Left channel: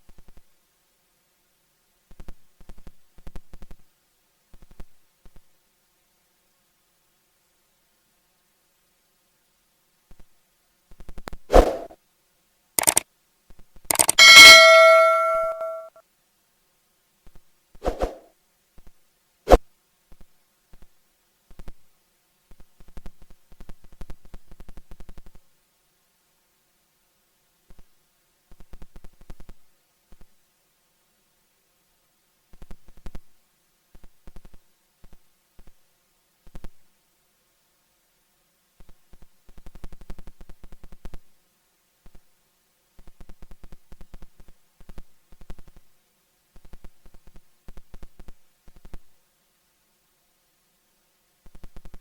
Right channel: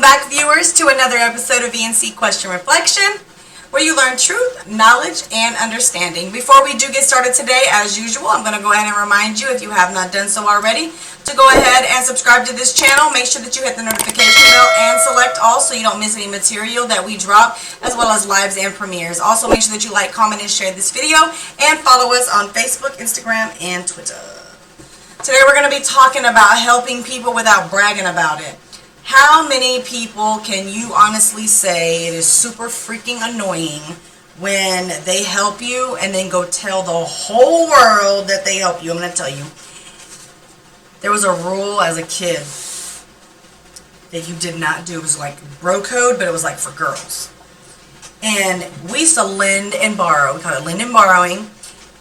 Welcome back, viewers, to another episode of E&C Question Reflection, where you learn truth, knowledge, and understanding. Before we do get started today, as usual, I'm going to go ahead and remind you, if you have not done so already, to go ahead and subscribe to this channel. Make sure that you hit the notification bell and select all so you don't miss any material that we drop, as well as lives and premieres. Also, make sure that you like, comment, and share this video, and follow us on Facebook, Instagram, and Twitter. Today we're going to be talking about helping people without bragging about it. How many people can you honestly say it is super freaking annoying when they help you and then go tell the whole world that they help you? I'm going to tell you. There was a rule as a kid that you did not do. It was like bro code, but it was like for girls. And we used to lend and borrow. We called it lend and borrowing.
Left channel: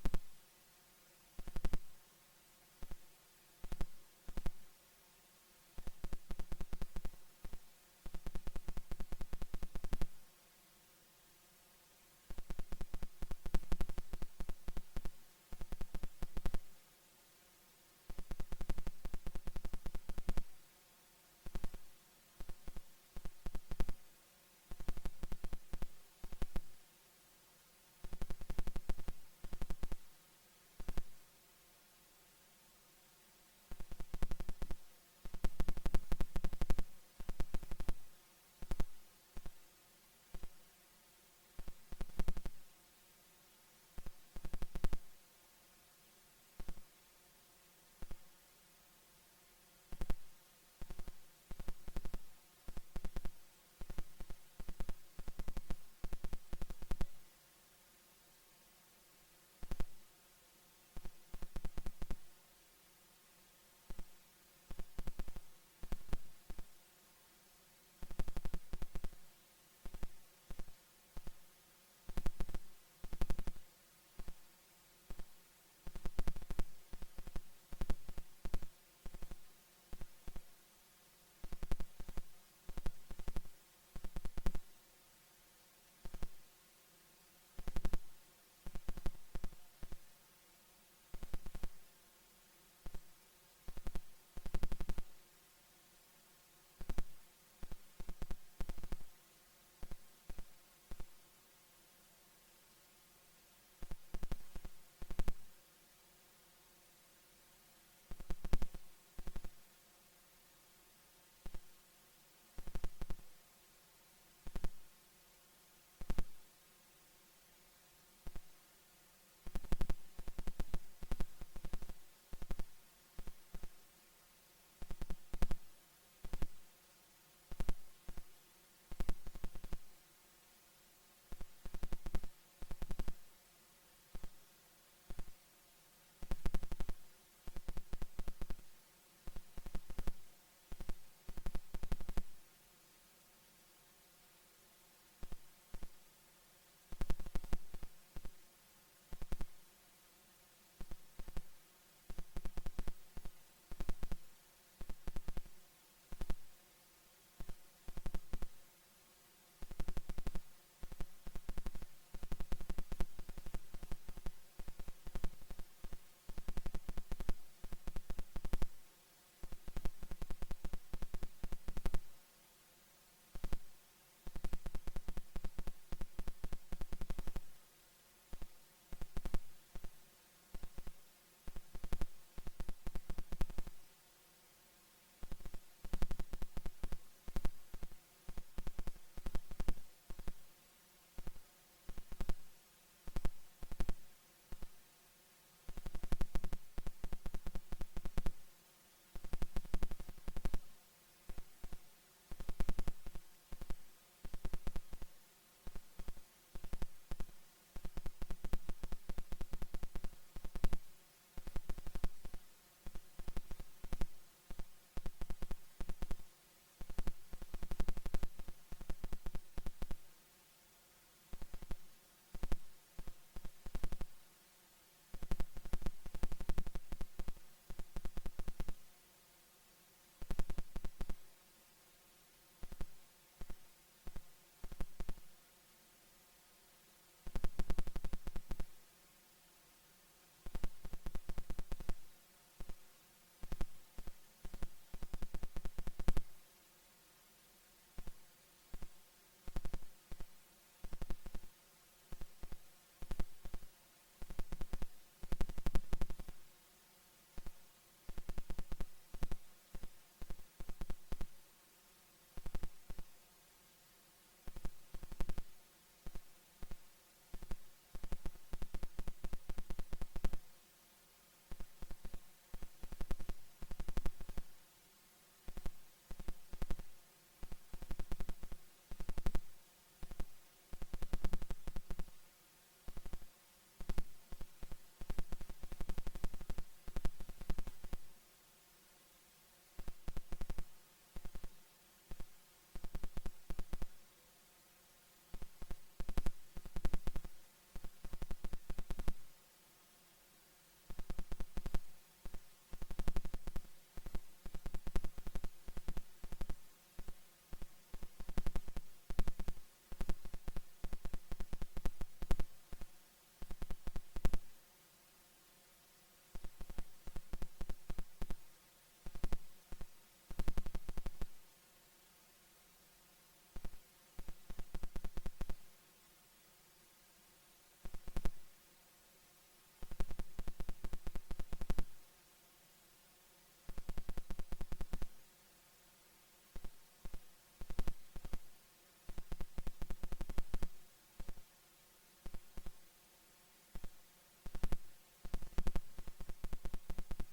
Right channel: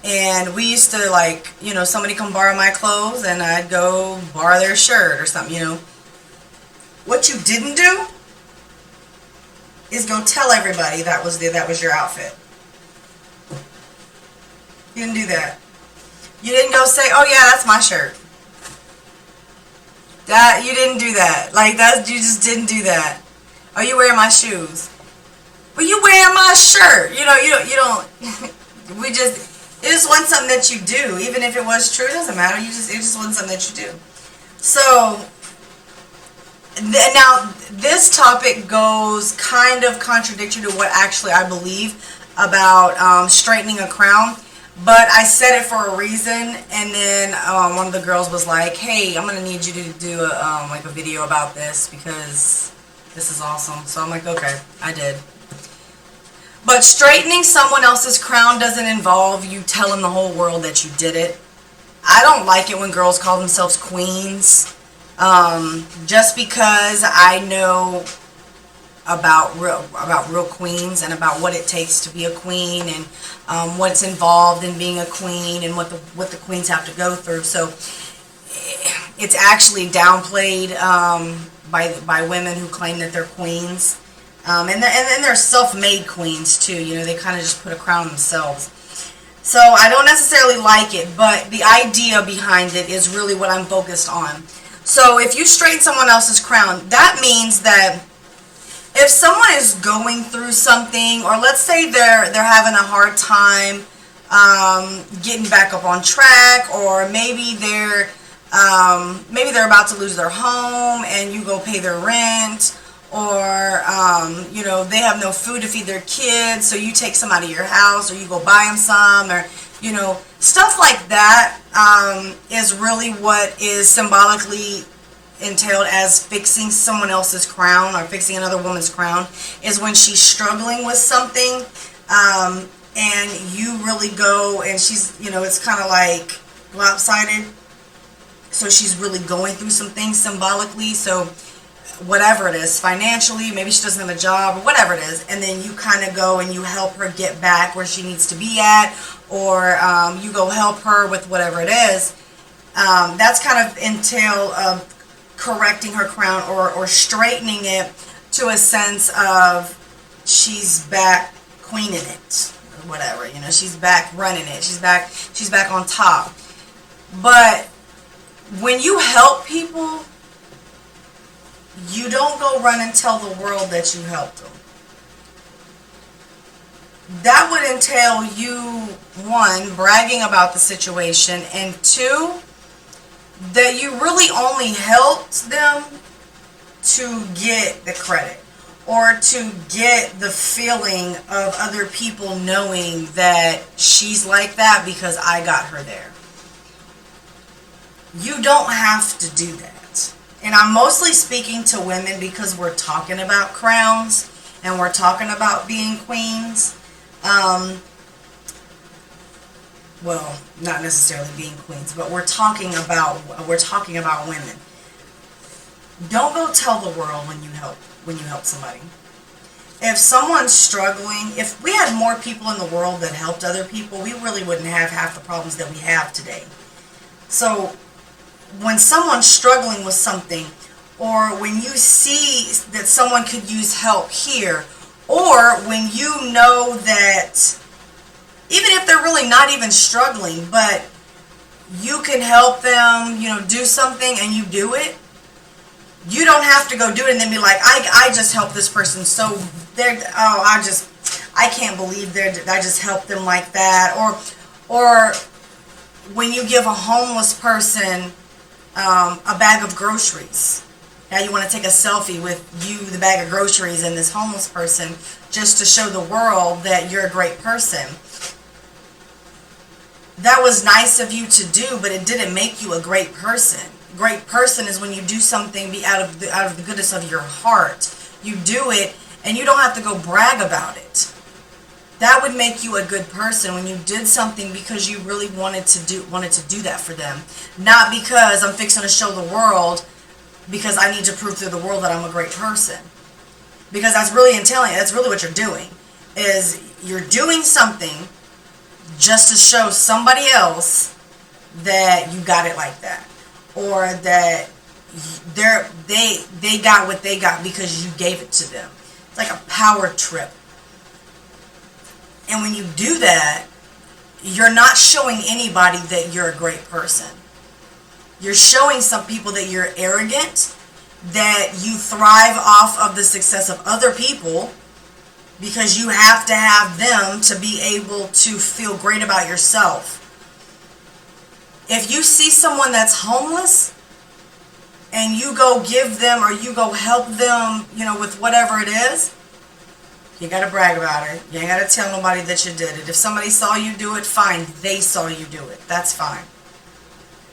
And we used to, like, you know, somebody come borrow my clothes and I'd go borrow their shirt or something, you know. What you didn't do is go tell everybody that was your outfit. You didn't do that. You didn't go say, "Oh yeah, that's my shirt." That you didn't do that. Like that, you just didn't do that. "Are you wearing my shoes?" "Well, you wearing my shirt." You know, you don't. It just wasn't something that you do, even if it was true. It doesn't matter. It just wasn't something that you do. So. Now, this topic goes kind of contradictory to what actually I believe about straightening a crown, but I said it for a reason, and then one of the girls was like, "Hey, I'm going to need you to do like a video about this because this is awesome." So I'm like, okay, I did. But straightening someone else's crown doesn't involve you telling the whole world that you did it. I don't like it when girls call themselves queens. Just because I know about real queens and about what it takes to be a queen and what's involved in being a queen and what the queens have to go through. So it's actually downplayed by women who claim that they're queens, and they're self-made queens too. You know, they kind of just put a crown on themselves. So I don't necessarily like it, but the idea behind it is really what I'm focused on. So if you straighten someone else's crown, that means that if someone is going through something, or let's say they're having a hard time getting back up on track, or maybe they're about to lose their home and you go pay their rent, or you know, they have no food to feed their kids, so you take some out of your house, or you go buy them some, or you know, stuff like that is really what is symbolically entailed as fixing someone else's crown or fixing another woman's crown, is when she's struggling with something and you really go and she's, you know, it's kind of like lopsided. So she's really going through some things symbolically. So whatever it is, financially, maybe she doesn't have a job or whatever it is, and then you kind of go and you help her get back where she needs to be at, or you go help her with whatever it is. That's kind of entail of correcting her crown or straightening it to a sense of she's back queening it or whatever. You know, she's back running it. She's back on top. But when you help people, you don't go run and tell the world that you helped them. That would entail you, one, bragging about the situation, and two, that you really only helped them to get the credit or to get the feeling of other people knowing that she's like that because I got her there. You don't have to do that. And I'm mostly speaking to women because we're talking about crowns and we're talking about being queens. Well, not necessarily being queens, but we're talking about women. Don't go tell the world when you help somebody. If someone's struggling, if we had more people in the world that helped other people, we really wouldn't have half the problems that we have today. So when someone's struggling with something, or when you see that someone could use help here, or when you know that even if they're really not even struggling, but you can help them, you know, do something and you do it, You don't have to go do it and then be like, I just helped this person, so I can't believe I just helped them like that. Or when you give a homeless person a bag of groceries. Now you want to take a selfie with the bag of groceries, and this homeless person, just to show the world that you're a great person. That was nice of you to do, but it didn't make you a great person. Great person is when you do something out of the goodness of your heart. You do it, and you don't have to go brag about it. That would make you a good person, when you did something because you really wanted to do that for them, not because I'm fixing to show the world, because I need to prove to the world that I'm a great person. Because that's really that's really what you're doing, is you're doing something just to show somebody else that you got it like that, or that they got what they got because you gave it to them. It's like a power trip. And when you do that, you're not showing anybody that you're a great person. You're showing some people that you're arrogant, that you thrive off of the success of other people, because you have to have them to be able to feel great about yourself. If you see someone that's homeless and you go give them, or you go help them, with whatever it is, you got to brag about it. You ain't got to tell nobody that you did it. If somebody saw you do it, fine. They saw you do it. That's fine.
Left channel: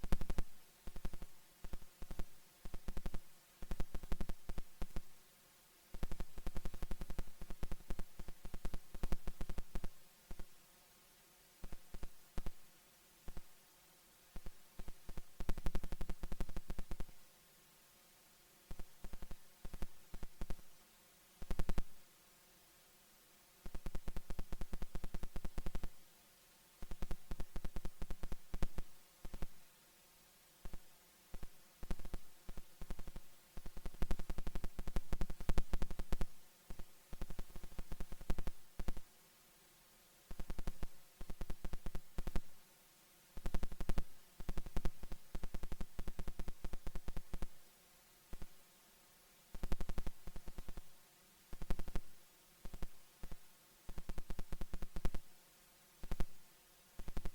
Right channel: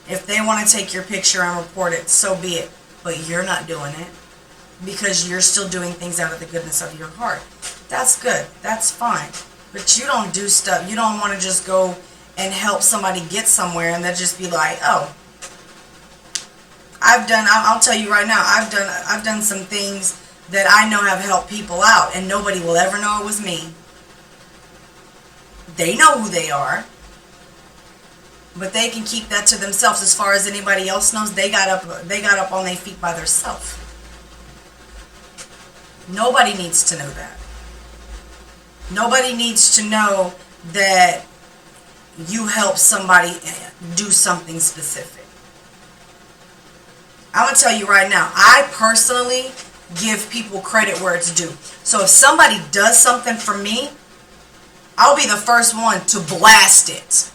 If they want to take your picture and report it, so be it. But you're not doing it, because you're still doing things out of the goodness of your heart. That's good. That's fine. But you don't do stuff. You don't want to just go and help somebody get somewhere and then just be like, oh, I'll tell you right now, I've done some things that I know have helped people out, and nobody will ever know it was me. They know who they are, but they can keep that to themselves. As far as anybody else knows, they got up on their feet by themselves. Nobody needs to know that. Nobody needs to know that you help somebody do something specific. I'm going to tell you right now, I personally give people credit where it's due. So if somebody does something for me, I'll be the first one to blast it.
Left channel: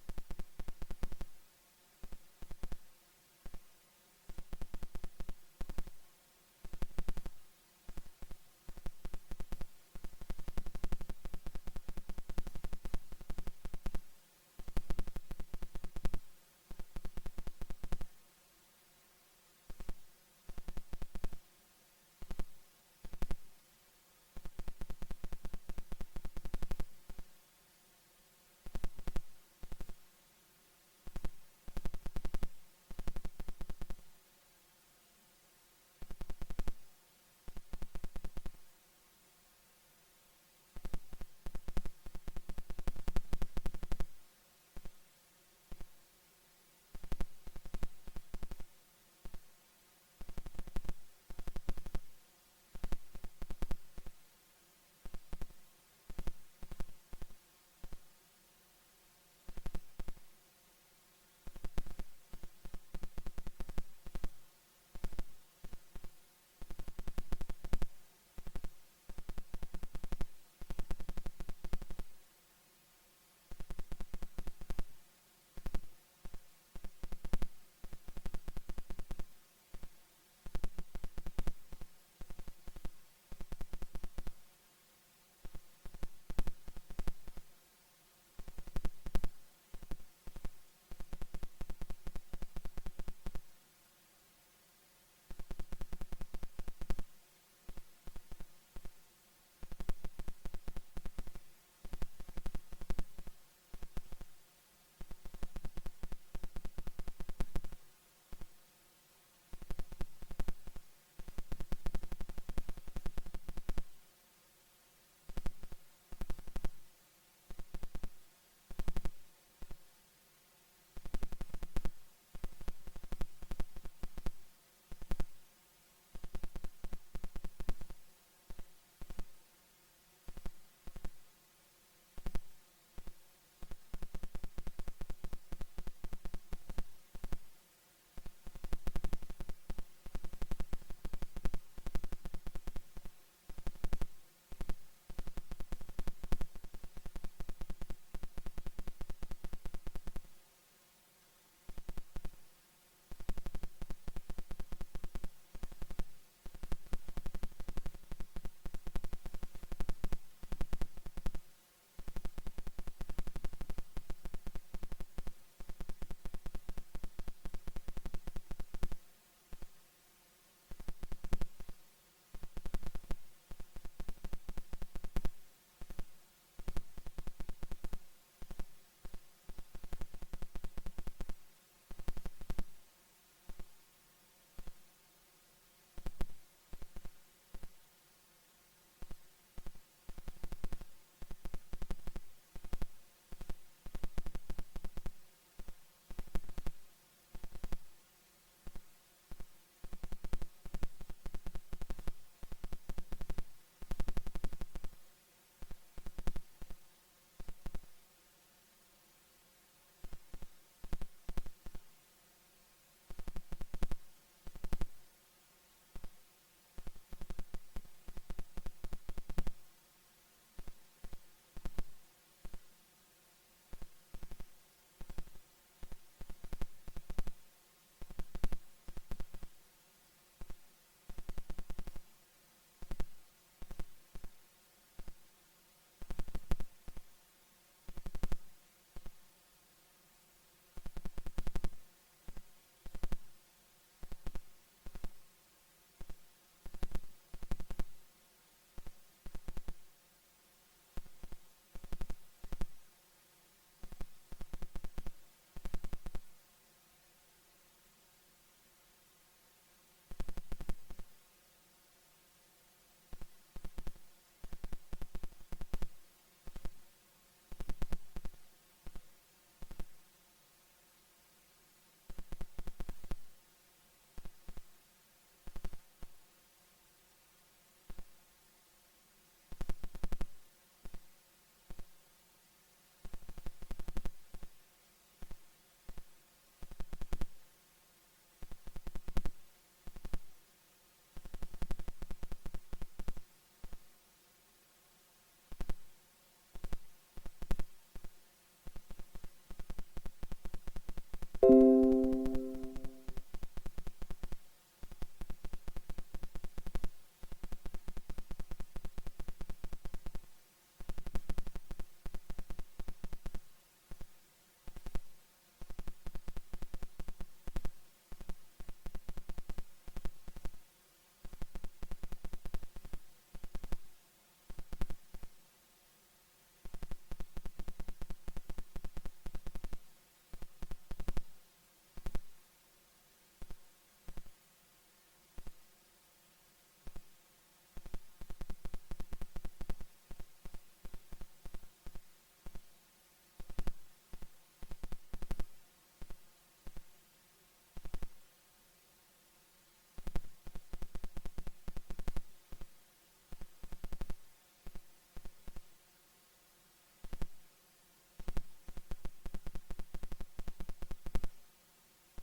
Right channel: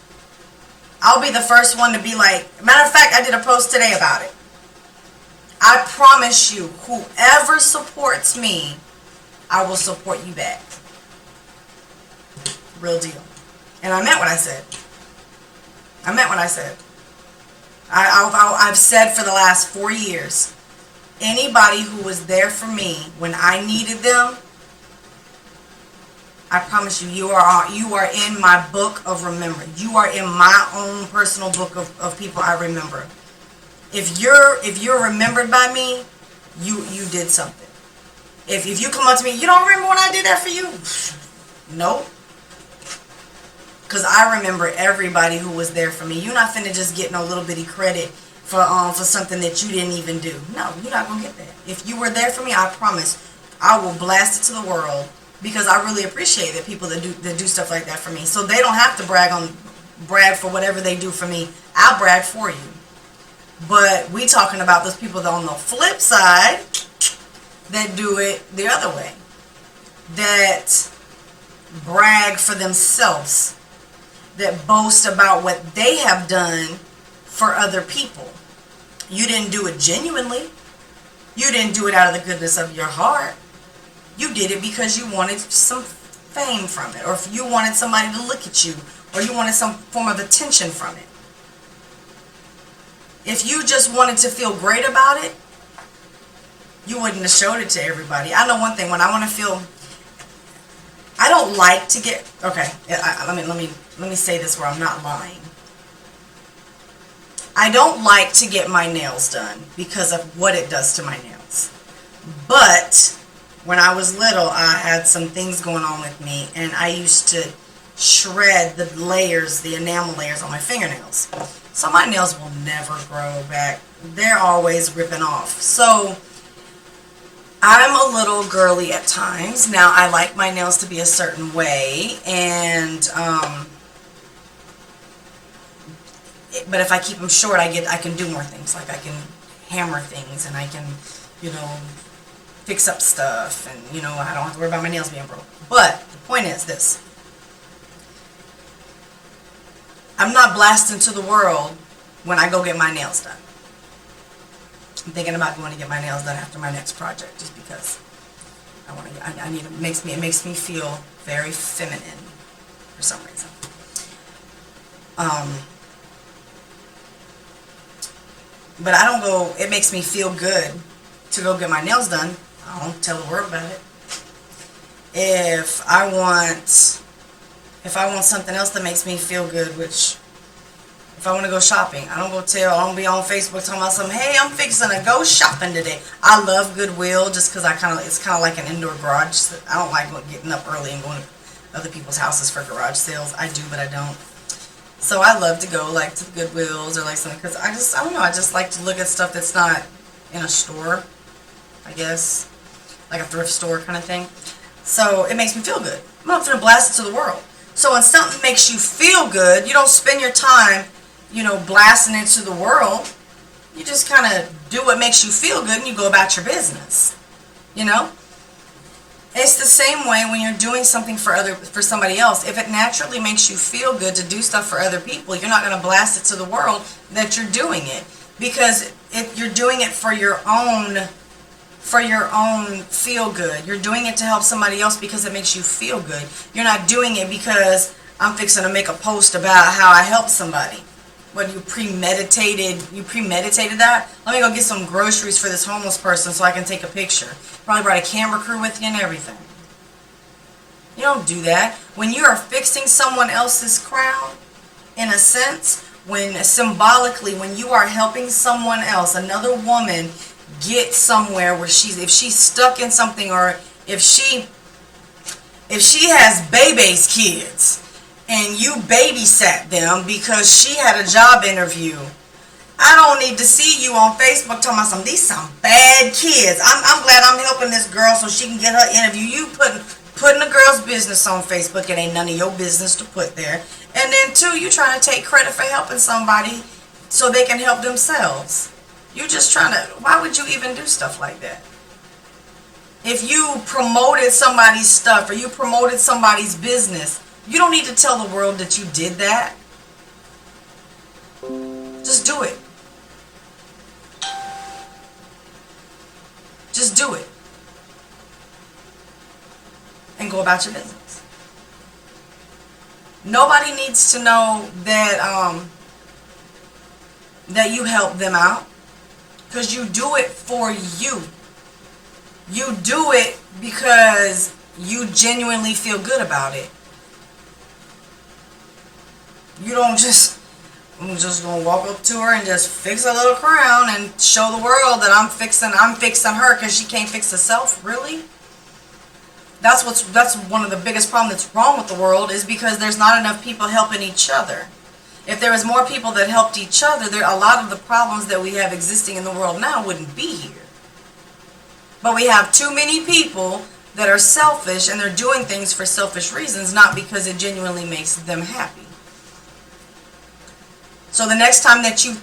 I'll be the first one to be like, matter of fact, I did a post today about it. I promise you, whoever supports me, I will support you back. Real deal. And I meant what I said. I meant what I said. I've said for the last 4 years, anybody who was there for me when I needed them, I promise you, you are in my book of remembrance. You are in my own personal book of people I remember. If you're remembered by me, you did something. If you come up to me, you don't remember when I did that for you? Nope. Because I remember everybody who was there for me. You're not finna just get no little bitty credit for something that you didn't even do. No, you're not gonna get that. If you were there for me, I promise, I will blast it to the world, because I really appreciate that people that do stuff like that for me. So they don't have to brag for whatever they do for me. I'll brag for you. But we talking about those people that on the flip side that do it the other way, that brag for themselves, that boast about what they have done for other people. You didn't do it genuinely. You didn't do it out of the goodness of your heart. You did it because you wanted some fame from it, or if you wanted somebody to look at you, or you wanted some form of attention from it. If you just wanted to feel great about it, you wouldn't have showed it to everybody. I know one thing, when I want to feel, I don't like to get, okay, let me say this where I'm not lying. I don't like to get my nails done because of what it does to my nails. But when I was little, I had some things going on with me, and I used to shred the layers, the enamel layers on my fingernails. So my nails will never grow back. They're always ripping off. So I'm a little girly at times. Now, I like my nails to be a certain way, and but if I keep them short, I can do more things. Like I can hammer things, and I can you know, fix up stuff, and, you know, I don't have to worry about my nails being broke. But the point is this. I'm not blasting to the world when I go get my nails done. I'm thinking about going to get my nails done after my next project, just because I want to. I need. It makes me feel very feminine for some reason. But I don't go. It makes me feel good to go get my nails done. I don't tell the world about it. If I want something else that makes me feel good, which, if I want to go shopping, I don't be on Facebook talking about something, hey, I'm fixing to go shopping today. I love Goodwill just because it's kind of like an indoor garage. I don't like getting up early and going to other people's houses for garage sales. I do, but I don't. So I love to go like to the Goodwills or like something, because I don't know, I just like to look at stuff that's not in a store, I guess, like a thrift store kind of thing. So it makes me feel good. I'm not going to blast it to the world. So when something makes you feel good, you don't spend your time, you know, blasting it to the world. You just kind of do what makes you feel good and you go about your business. You know? It's the same way when you're doing something for somebody else. If it naturally makes you feel good to do stuff for other people, you're not going to blast it to the world that you're doing it. Because if you're doing it for your own feel good. You're doing it to help somebody else because it makes you feel good. You're not doing it because I'm fixing to make a post about how I helped somebody. What, you premeditated that? Let me go get some groceries for this homeless person so I can take a picture. Probably brought a camera crew with you and everything. You don't do that. When you are fixing someone else's crown, in a sense, when you are helping someone else, another woman, get somewhere where if she's stuck in something, or if she has baby's kids and you babysat them because she had a job interview, I don't need to see you on Facebook talking about these some bad kids. I'm glad I'm helping this girl so she can get her interview. You putting a girl's business on Facebook, it ain't none of your business to put there. And then two, you trying to take credit for helping somebody so they can help themselves. You're just trying to, why would you even do stuff like that? If you promoted somebody's stuff or you promoted somebody's business, you don't need to tell the world that you did that. Just do it. Just do it. And go about your business. Nobody needs to know that that you help them out. Because you do it for you. You do it because you genuinely feel good about it. You don't I'm just gonna walk up to her and just fix a little crown and show the world that I'm fixing her because she can't fix herself. Really? That's one of the biggest problems that's wrong with the world, is because there's not enough people helping each other. If there was more people that helped each other, a lot of the problems that we have existing in the world now wouldn't be here. But we have too many people that are selfish, and they're doing things for selfish reasons, not because it genuinely makes them happy. So the next time that you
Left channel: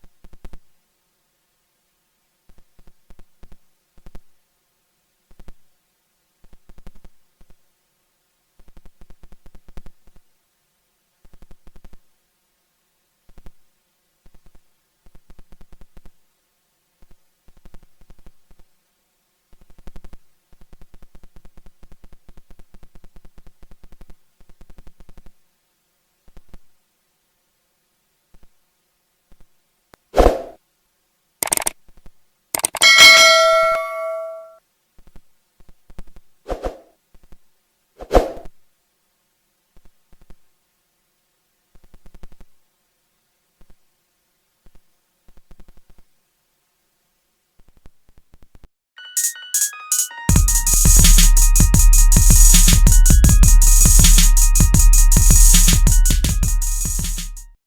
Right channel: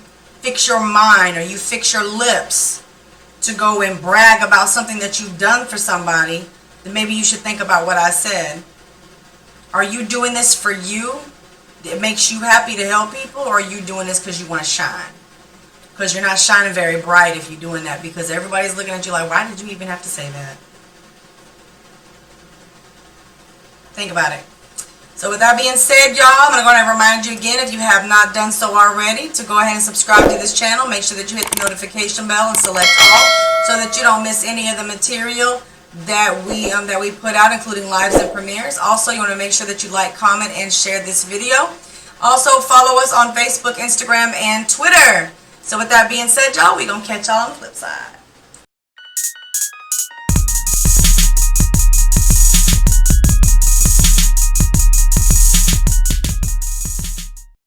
fix your mind or you fix your lips to go and brag about something that you've done for somebody, then maybe you should think about what I said. Are you doing this for you? It makes you happy to help people, or are you doing this because you want to shine? Because you're not shining very bright if you're doing that, because everybody's looking at you like, why did you even have to say that? Think about it. So with that being said, y'all, I'm going to go ahead and remind you again, if you have not done so already, to go ahead and subscribe to this channel. Make sure that you hit the notification bell and select all so that you don't miss any of the material that we put out, including lives and premieres. Also, you want to make sure that you like, comment, and share this video. Also, follow us on Facebook, Instagram, and Twitter. So with that being said, y'all, we're going to catch y'all on the flip side.